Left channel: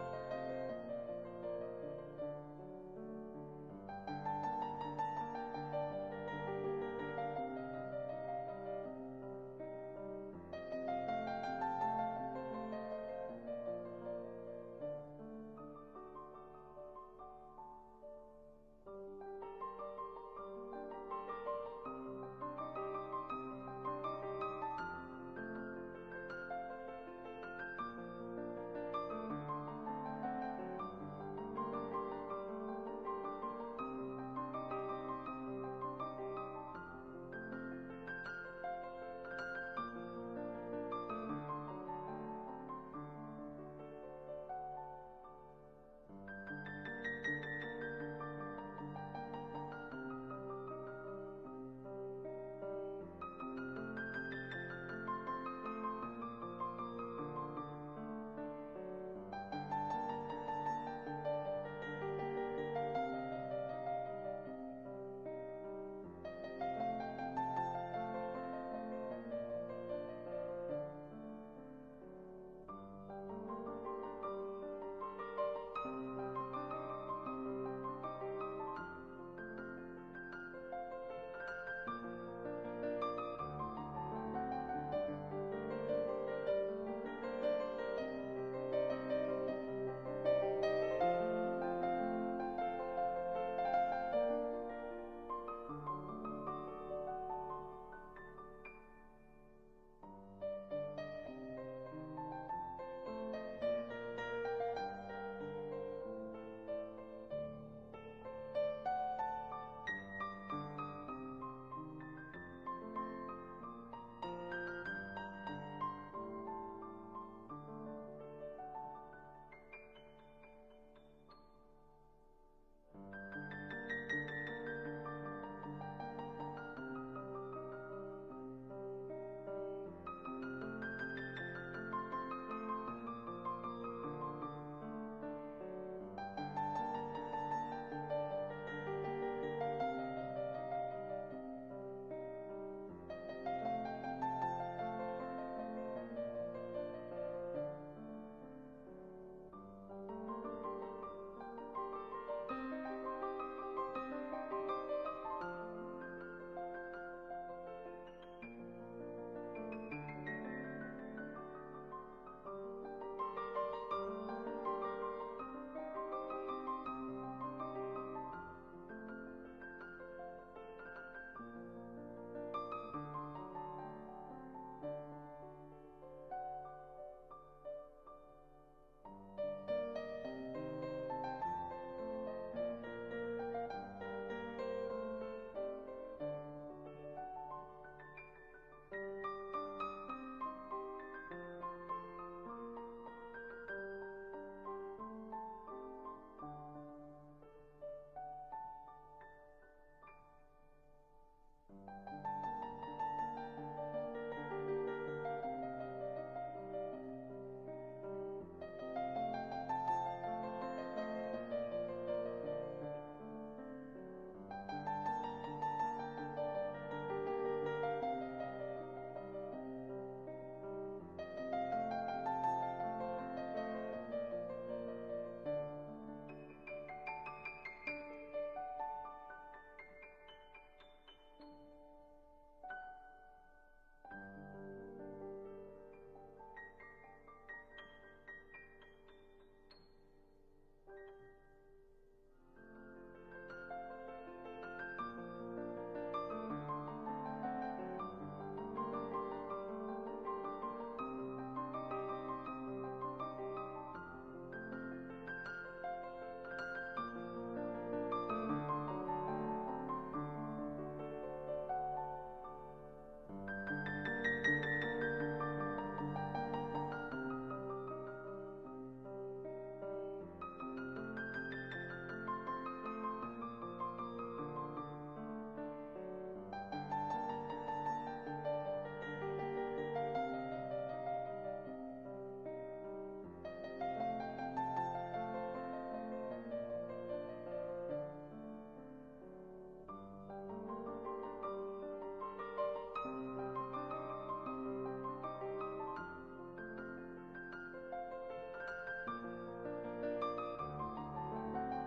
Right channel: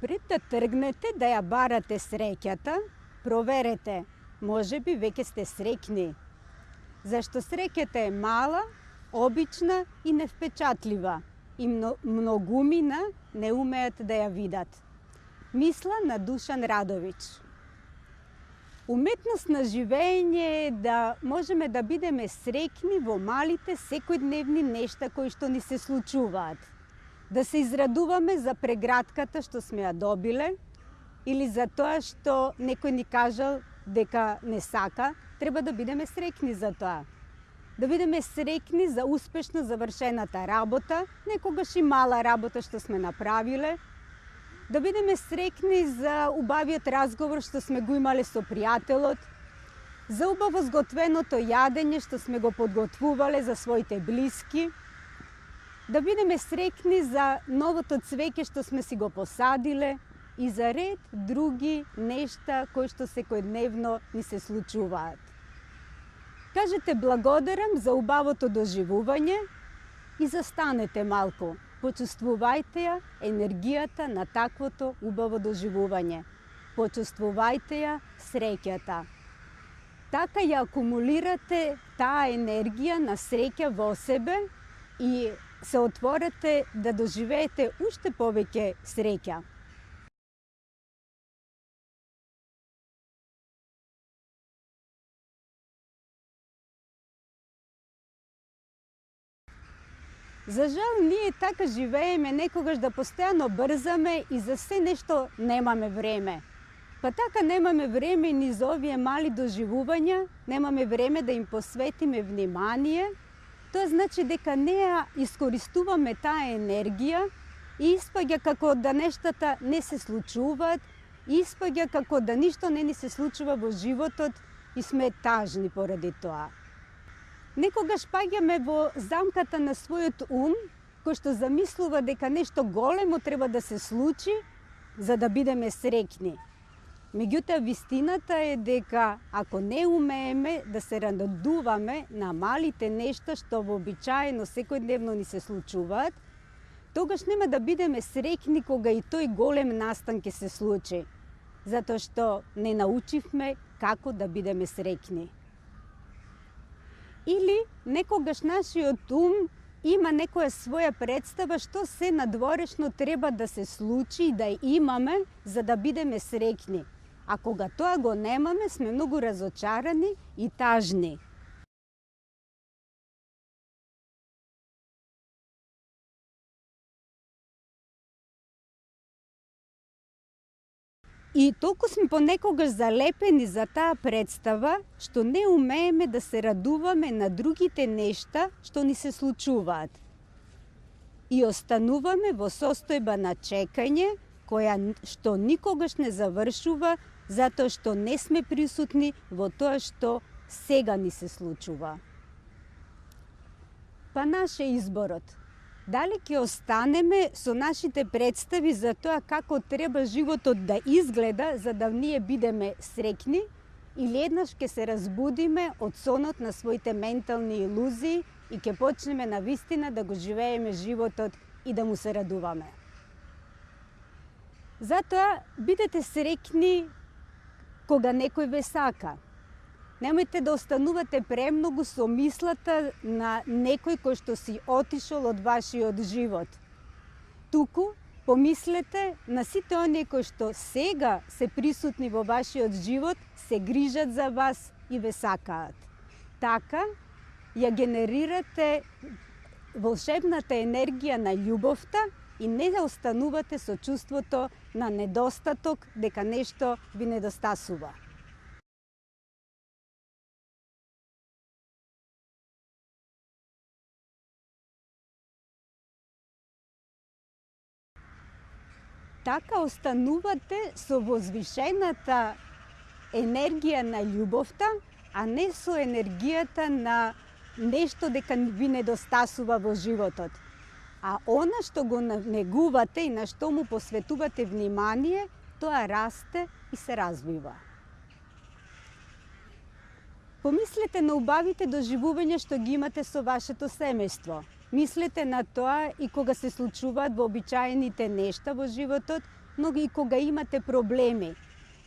Пред да тргнете да ја барате среќата, проверете, можеби веќе сте среќни. Зашто среќата е мала, обична и невпечатлива и многумина не умеат да ја видат. Мисла на Душан Радович. Уметност на живење е да можеме да бидеме среќни во малите секојдневни нешта кои што ни се случуваат. Да се израдуваме за прегратката што сме ја добиле или за тоа што некој ни кажал дека не сака, треба да бидеме среќни за тоа. Да бидеме среќни за успешно завршената работа, некогаш и мала работа што сме направиле. Да бидеме среќни за убавиот разговор што сме го имале со пријателот, за убаво сготвеното јадење што сме го подготвувале за своите блиски, да бидеме среќни за новото цвеќе што сме си го посадиле и за ред други нешта кои што секојдневно ни се случуваат. Кажете благодарам за убавото доживување и застанете малку. Почувствувајте ја енергијата на таквото убаво доживување. Почувствувајте ја среќата. Така ја акумулирате таа енергија на среќа во себе и се отворете да доживеете уште повеќе среќа. За жал, ние така живееме некогаш да постојано брзаме и за се нешто немаме време. Па така немаме време ни за овие мали доживувања, немаме време да им посветиме внимание. Тоа значи дека не ја искористуваме таа енергија и испаѓа како да нештата не се случуваат, и испаѓа како да ништо не ни се случува во животот и сме тажни поради тоа. Некогаш паѓаме во замката на својот ум, кој што замислува дека нешто големо треба да се случи за да бидеме среќни. Меѓутоа, вистината е дека ако не умееме да се радуваме на малите нешта што вообичаено секојдневно ни се случуваат, тогаш нема да бидеме среќни кога и тој голем настан ќе се случи, затоа што не научивме како да бидеме среќни. Или некогаш нашиот ум има некоја своја представа што се надворешно треба да се случи и да имаме за да бидеме среќни. А кога тоа го немаме, сме многу разочарани и тажни. И толку сме понекогаш залепени за таа представа, што не умееме да се радуваме на другите нешта што ни се случуваат. И остануваме во состојба на чекање, која што никогаш не завршува, затоа што не сме присутни во тоа што сега ни се случува. Па наш е изборот. Дали ќе останеме со нашите представи за тоа како треба животот да изгледа за да ние бидеме среќни, или еднаш ќе се разбудиме од сонот на своите ментални илузии и ќе почнеме на вистина да го живееме животот и да му се радуваме. Затоа бидете среќни кога некој ве сака. Немојте да останувате премногу со мислата на некој кој што си отишол од вашиот живот. Туку помислете на сите оние кои што сега се присутни во вашиот живот, се грижат за вас и ве сакаат. Така ја генерирате волшебната енергија на љубовта и не останувате со чувството на недостаток дека нешто ви недостасува. Така останувате со возвишената енергија на љубовта, а не со енергијата на нешто дека ви недостасува во животот. А она што го негувате и на што му посветувате внимание, тоа расте и се развива. Помислете на убавите доживувања што ги имате со вашето семејство. Мислете на тоа и кога се случуваат вообичаените нешта во животот но и кога имате проблеми.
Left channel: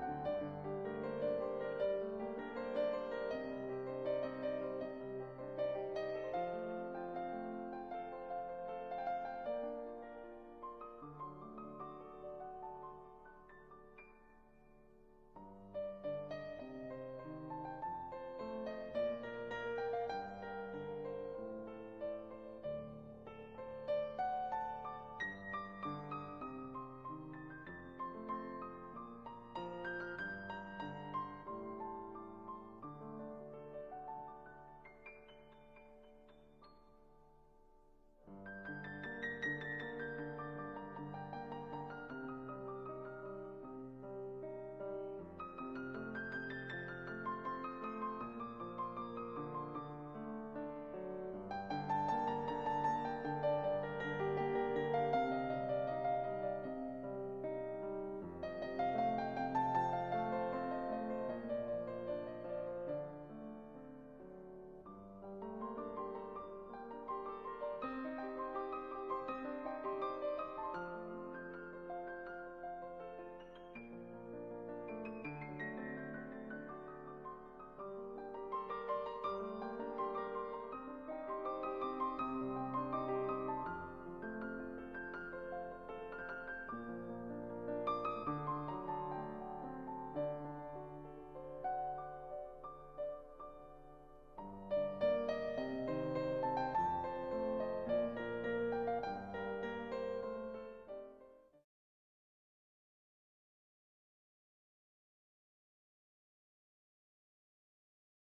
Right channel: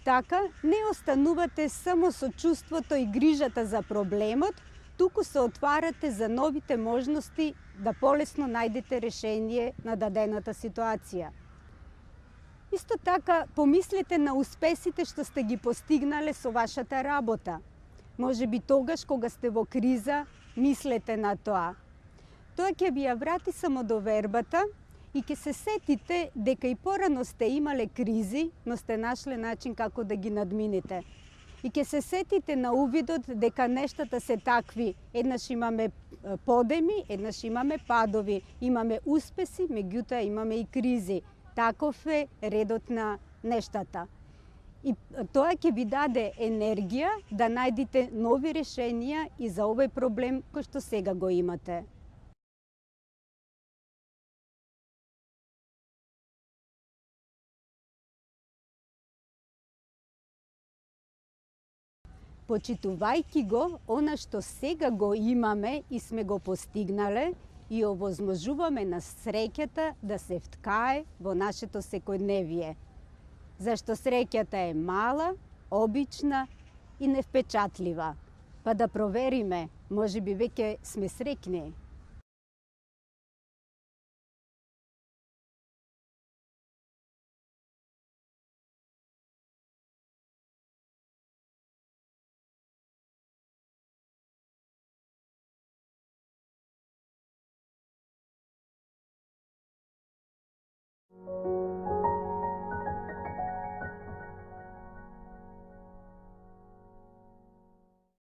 Така, не останувате само со чувството и грижата за проблемот, туку се отварате за новите можности да полесно најдете решение на дадената ситуација. Исто така, помислете на успесите што сте ги постигнале со вашата работа. Може би тогаш, кога сте во криза, мислете на тоа. Тоа ќе ви ја врати самодовербата и ќе се сетите дека и порано сте имале кризи, но сте нашле начин како да ги надмините. И ќе се сетите на увидот дека нештата се такви. Еднаш имаме подеми, еднаш имаме падови, имаме успеси, меѓутоа имаме и кризи. Таков е редот на нештата. И тоа ќе ви даде енергија да најдете нови решенија и за овој проблем кој што сега го имате. Почитувајќи го она што сега го имаме и сме го постигнале, и овозможуваме на среќата да се вткае во нашето секојдневие. Зашто среќата е мала, обична и невпечатлива. Па да провериме, можеби веќе сме среќни.